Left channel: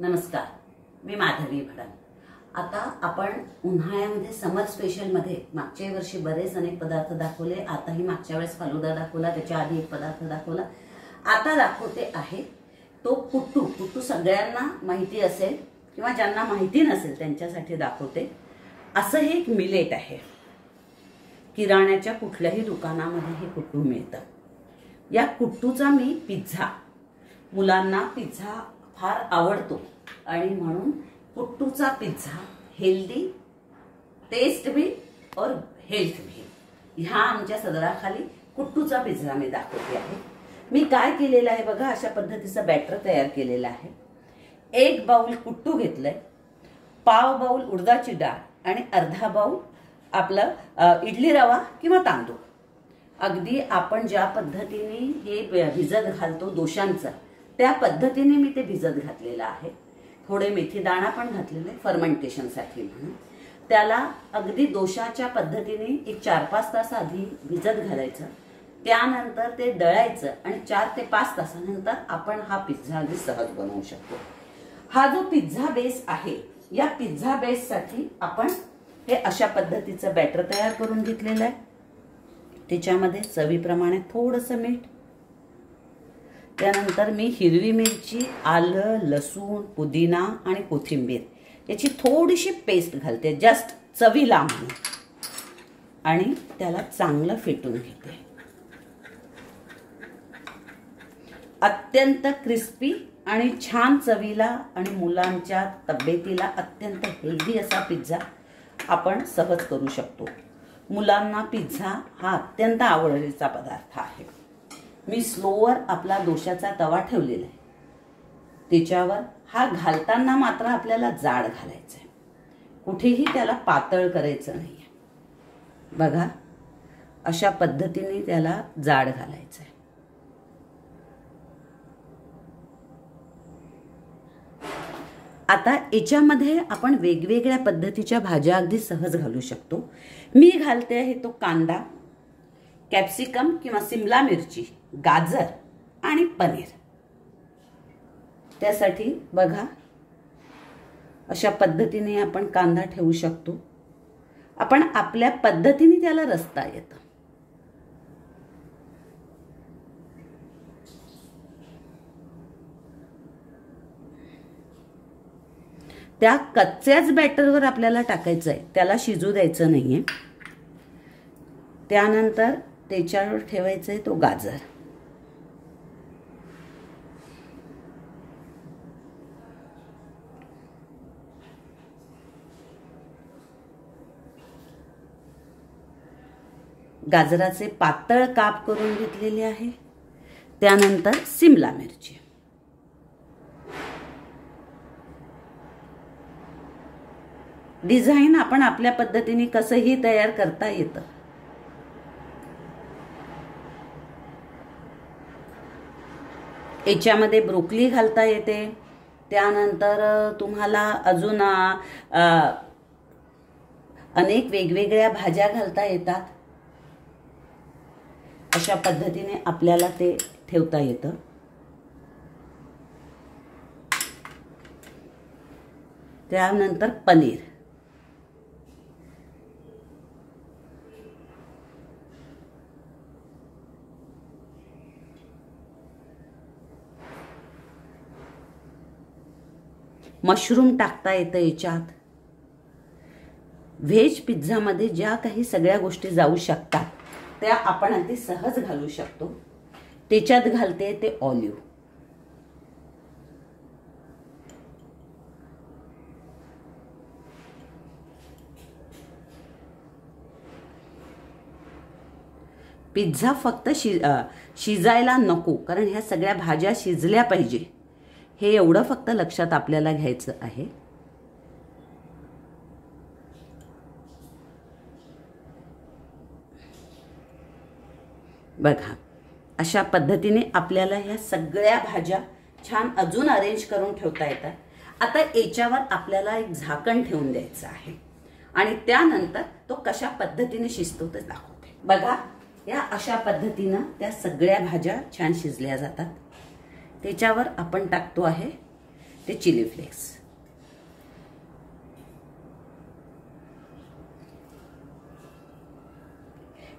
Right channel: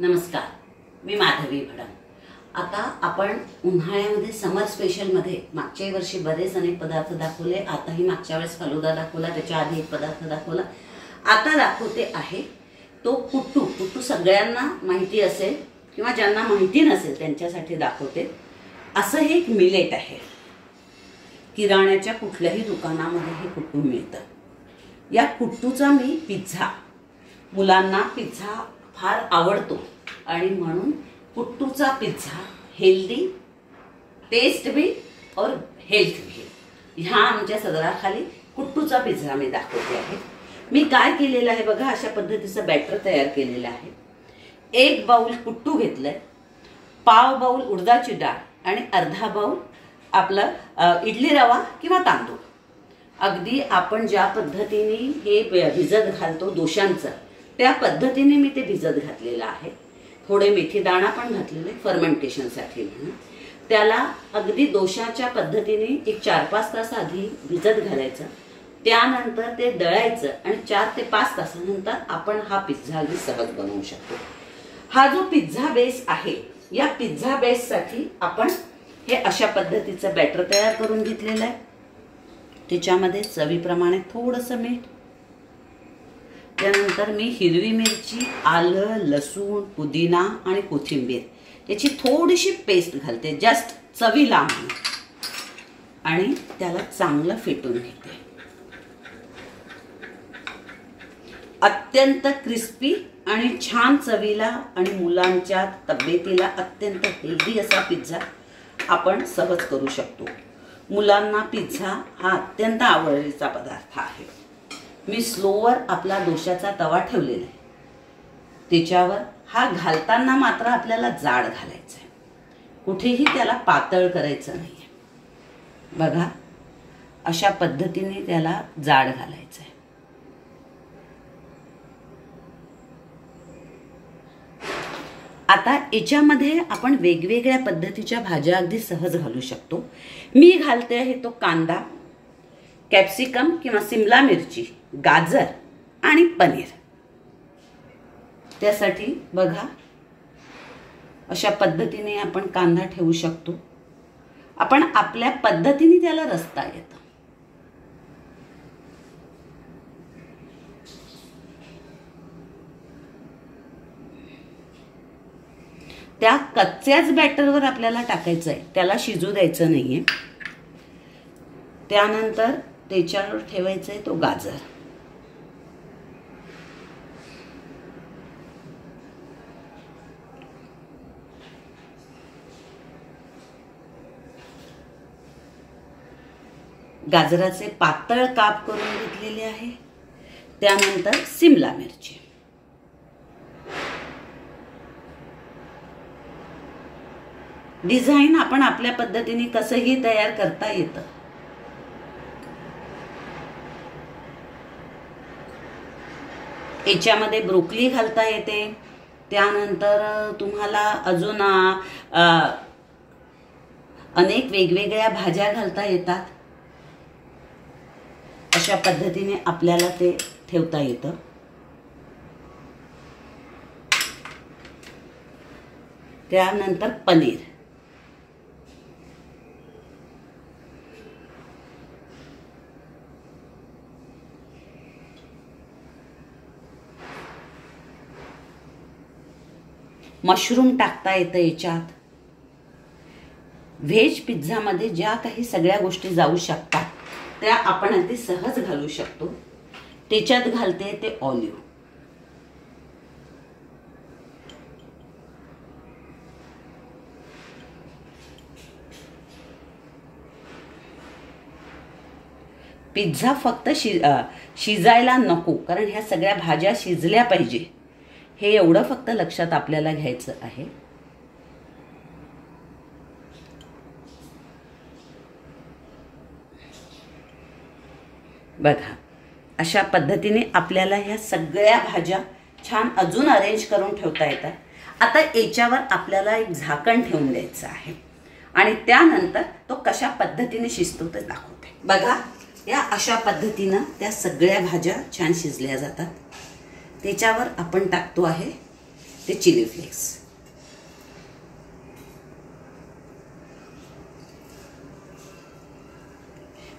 नमस्कार, मी माधवी भडंग। आता आपण उन्हाळ्यामध्ये समर स्पेशलमध्ये मागच्या वर्षी बरेच अनेक पदार्थ दाखवले। आताही मागच्या वेळेस फालुदा दाखवला, त्याच्या आधी एक पदार्थ दाखवला। आता दाखवते आहे तो पुट्टू। पुट्टू सगळ्यांना माहिती असेल किंवा ज्यांना माहिती नसेल त्यांच्यासाठी दाखवते। असं हे एक मिलेट आहे, किराण्याच्या कुठल्याही दुकानामध्ये हे पुट्टू मिळतं। या पुट्टूचा मी पिझ्झा, मुलांना पिझ्झा फार आवडतो आणि म्हणून पुट्टूचा पिझ्झा हेल्दी, टेस्ट भी और हेल्थ भी, ह्या आमच्या सदराखाली पुट्टूचा पिझ्झा मी दाखवते आहे। मी काय केलेलं आहे बघा, अशा पद्धतीचं बॅटर तयार केलेलं आहे। 1 बाउल पुट्टू घेतलंय, पाव बाउल उडदाची डाळ आणि अर्धा बाउल आपला इडली रवा किंवा तांदूळ। अगदी आपण ज्या पद्धतीने हे भिजत घालतो डोशांचं, त्या पद्धतीने मी ते भिजत घातलेलं आहे। थोडे मेथी दाणा पण घातलेले फर्मेंटेशनसाठी म्हणून। त्याला अगदी डोशाच्या पद्धतीने एक 4-5 तास आधी भिजत घालायचं, त्यानंतर ते दळायचं आणि 4 ते 5 तासानंतर आपण हा पिझ्झा अगदी सहज बनवू शकतो। हा जो पिझ्झा बेस आहे, या पिझ्झा बेससाठी आपण हे अशा पद्धतीचं बॅटर तयार करून घेतलेलं आहे। त्याच्यामध्ये चवीप्रमाणे थोडंसं मीठ, त्यानंतर मी हिरवी मिरची, आलं, लसूण, पुदिना आणि कोथिंबीर याची थोडीशी पेस्ट घालते, जस्ट चवीला म्हणून, आणि त्याला चांगलं फेटून घेते। अत्यंत क्रिस्पी आणि छान चवीला आणि मुलांच्या तब्येतीला अत्यंत हेल्दी असा पिझ्झा आपण सहज करू शकतो। मुलांना पिझ्झा हा अत्यंत आवडीचा पदार्थ आहे। मी स्लोवर आपला डोशाचा तवा ठेवलेला आहे, त्याच्यावर हा घालताना मात्र आपल्याला जाड घालायचा आहे, कुठेही त्याला पातळ करायचं नाहीये। बघा, अशा पद्धतीने त्याला जाड घालायचं आहे। आता याच्यामध्ये आपण वेगवेगळ्या पद्धतीच्या भाज्या अगदी सहज घालू शकतो। मी घालते आहे तो कांदा, कॅप्सिकम किंवा सिमला मिरची, गाजर आणि पनीर। त्यासाठी बघा, अशा पद्धतीने आपण कांदा ठेवू शकतो। आपण आपल्या पद्धतीने त्याला रचता येतं। त्या कच्च्याच बॅटरवर आपल्याला टाकायचं आहे, त्याला शिजू द्यायचं नाहीये। त्यानंतर त्याच्यावर ठेवायचं आहे तो गाजर, गाजराचे पातळ काप करून घेतलेले आहे। त्यानंतर सिमला मिरची, डिझाईन आपण आपल्या पद्धतीने कसंही तयार करता येतं। याच्यामध्ये ब्रोकली घालता येते, त्यानंतर तुम्हाला अजून अनेक वेगवेगळ्या भाज्या घालता येतात। अशा पद्धतीने आपल्याला ते ठेवता येतं। त्यानंतर पनीर, मशरूम टाकता येतं याच्यात। व्हेज पिझ्झामध्ये ज्या काही सगळ्या गोष्टी जाऊ शकतात त्या आपण अगदी सहज घालू शकतो। त्याच्यात घालते ते ऑलिव्ह, पिझ्झा फक्त शिजायला नको, कारण ह्या सगळ्या भाज्या शिजल्या पाहिजे, हे एवढं फक्त लक्षात आपल्याला घ्यायचं आहे। बघा, अशा पद्धतीने आपल्याला ह्या सगळ्या भाज्या छान अजून अरेंज करून ठेवता येतात। आता याच्यावर आपल्याला एक झाकण ठेवून द्यायचं आहे आणि त्यानंतर तो कशा पद्धतीने शिजतो ते दाखवते। बघा, या अशा पद्धतीनं त्या सगळ्या भाज्या छान शिजल्या जातात। त्याच्यावर आपण टाकतो आहे ते चिली फ्लेक्स.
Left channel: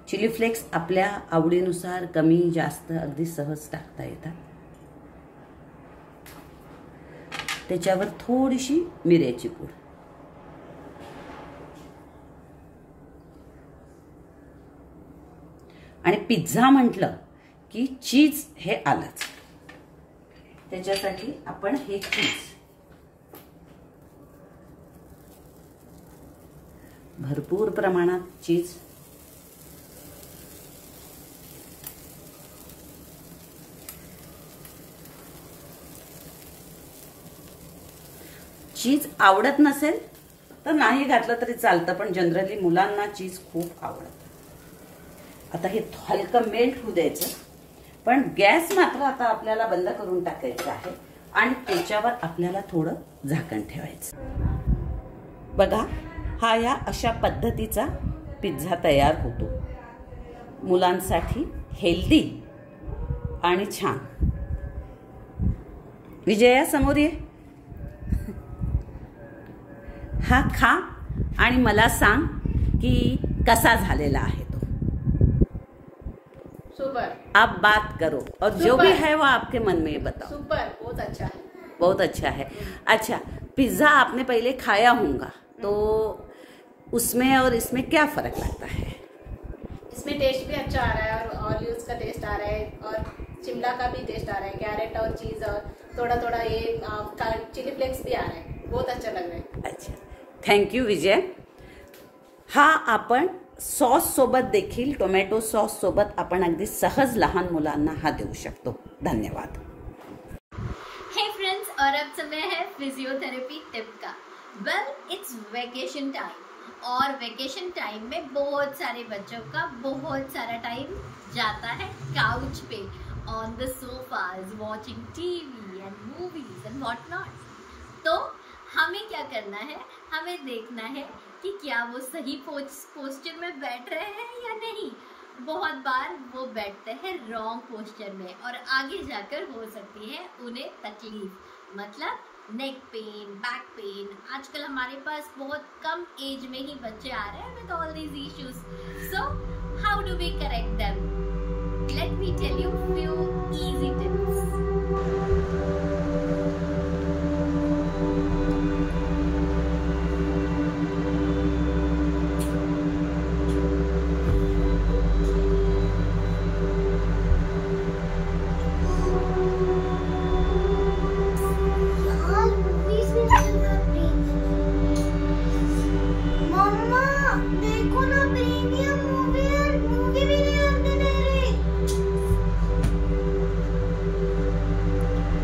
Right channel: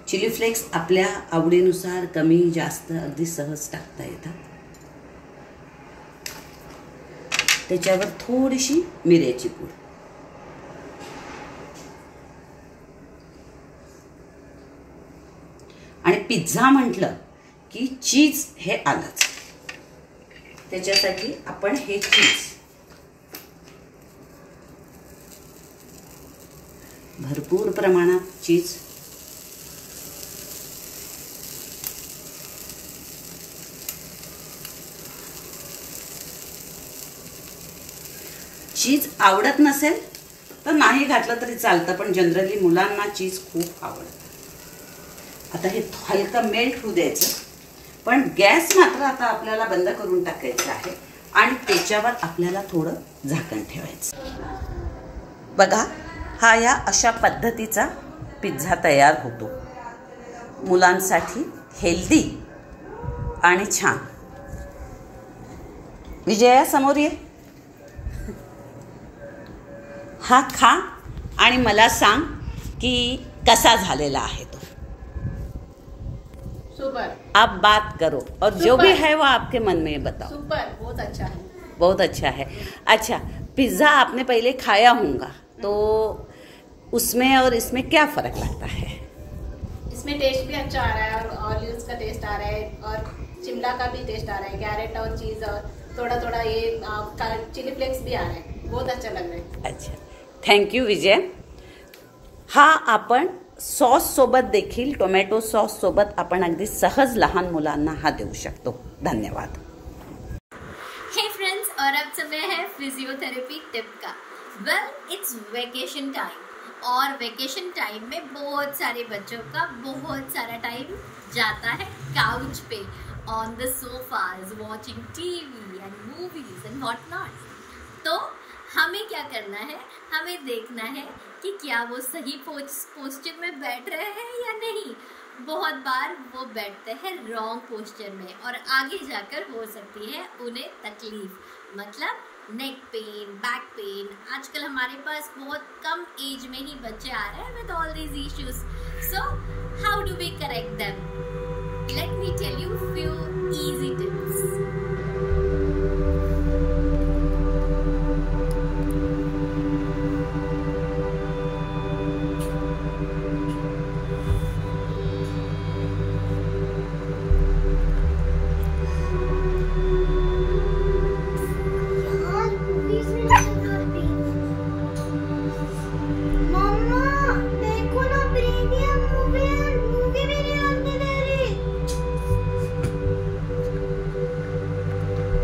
चिली फ्लेक्स आपल्या आवडीनुसार कमी जास्त अगदी सहज टाकता येतात. त्याच्यावर थोडीशी मिऱ्याची पूड. आणि पिझ्झा म्हटलं की चीज हे आलंच. त्याच्यासाठी आपण हे चीज भरपूर प्रमाणात चीज चीज आवडत नसेल तर नाही घातलं तरी चालतं, पण जनरली मुलांना चीज खूप आवडतं. आता हे हलकं मेल्ट होऊ द्यायचं, पण गॅस मात्र आता आपल्याला बंद करून टाकायचं आहे आणि त्याच्यावर आपल्याला थोडं झाकण ठेवायचं. बघा, हा या अशा पद्धतीचा पिझ्झा तयार होतो. मुलांसाठी हेल्दी आणि छान. विजया समोर ये. हा खा आणि मला सांग की कसा झालेला आहे तो. सुपर. आप बात करो और जो भी है वो आपके मन में बताओ. सुपर, बहुत अच्छा है. बहुत अच्छा है. अच्छा, पिज़्ज़ा आपने पहले खाया होगा, तो उसमें और इसमें क्या फ़र्क लगता है? इसमें टेस्ट भी अच्छा आ रहा है और ऑलिव्स का टेस्ट आ रहा है और शिमला का भी टेस्ट आ रहा है, कैरेट और चीज़ और थोड़ा थोड़ा ये चिली फ्लेक्स भी आ रहा है. बहुत अच्छा लग रहा है. अच्छा, थँक्यू विजय. हा आपण सॉस सोबत देखील, टोमॅटो सॉस सोबत आपण अगदी सहज लहान मुलांना हा देऊ शकतो. धन्यवाद. हे फ्रेंड्स, और अब समय है फिजियोथेरेपी टिप का. वेल, इट्स वेकेशन टाइम और वेकेशन टाइम में बहुत सारे बच्चों का बहुत सारा टाइम जाता है couch pay, on the sofas, watching TV end movies end what not. तो हमें क्या करना है, हमें देखना है कि क्या वो सही पोस्चर में बैठ रहे हैं या नहीं. बहुत बार वो बैठते हैं रॉन्ग पोस्चर में और आगे जाकर हो सकती है उन्हें तकलीफ, मतलब नेक पेन, बैक पेन. आजकल हमारे पास बहुत कम एज में ही बच्चे आ रहे हैं with all these issues. So how do we correct them? Let me tell you few easy tips.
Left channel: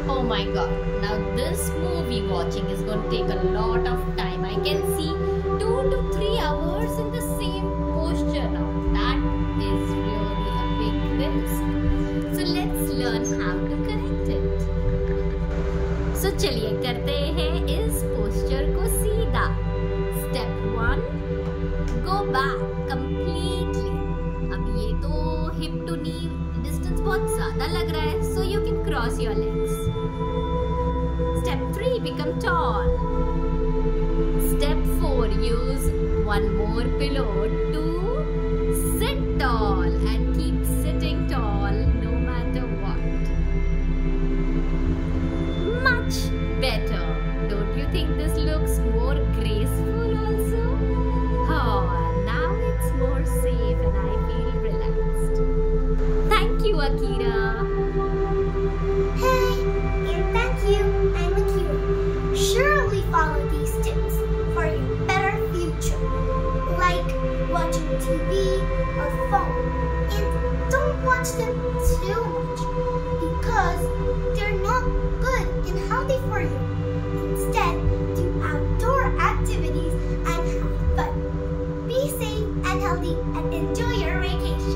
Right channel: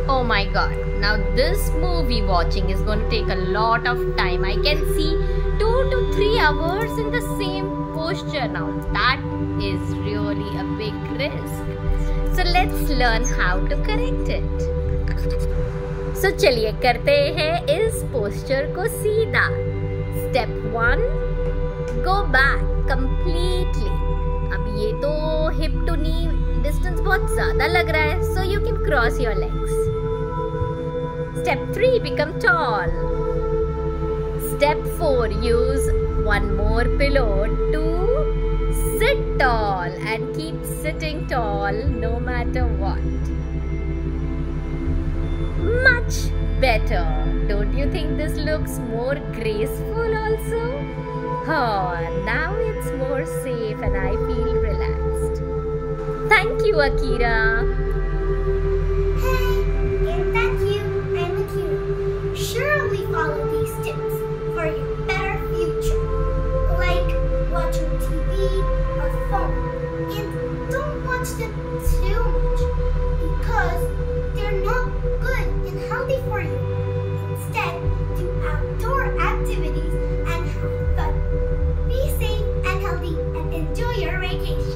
Oh my god, now this movie watching is going to take a lot of time. I can see 2 to 3 hours in the same posture now. That is really a big risk. So let's learn how to correct it. So चलिए करते हैं इस posture को सीधा. Step 1, go back completely. अब ये तो hip to knee distance बहुत ज़्यादा लग रहा है, so you can cross your legs. Step 3, become tall. Step 4, use one more pillow to sit tall and keep sitting tall no matter what. Much better. Don't you think this looks more graceful also? Oh, now it's more safe and I feel relaxed. Thank you, Akira. Hey, and thank you. I'm Akira. Surely follow these tips for your better future, like watching TV or phone. And don't watch them too much because they're not good and healthy for you. Instead, do outdoor activities and have fun. Be safe and healthy and enjoy your vacation.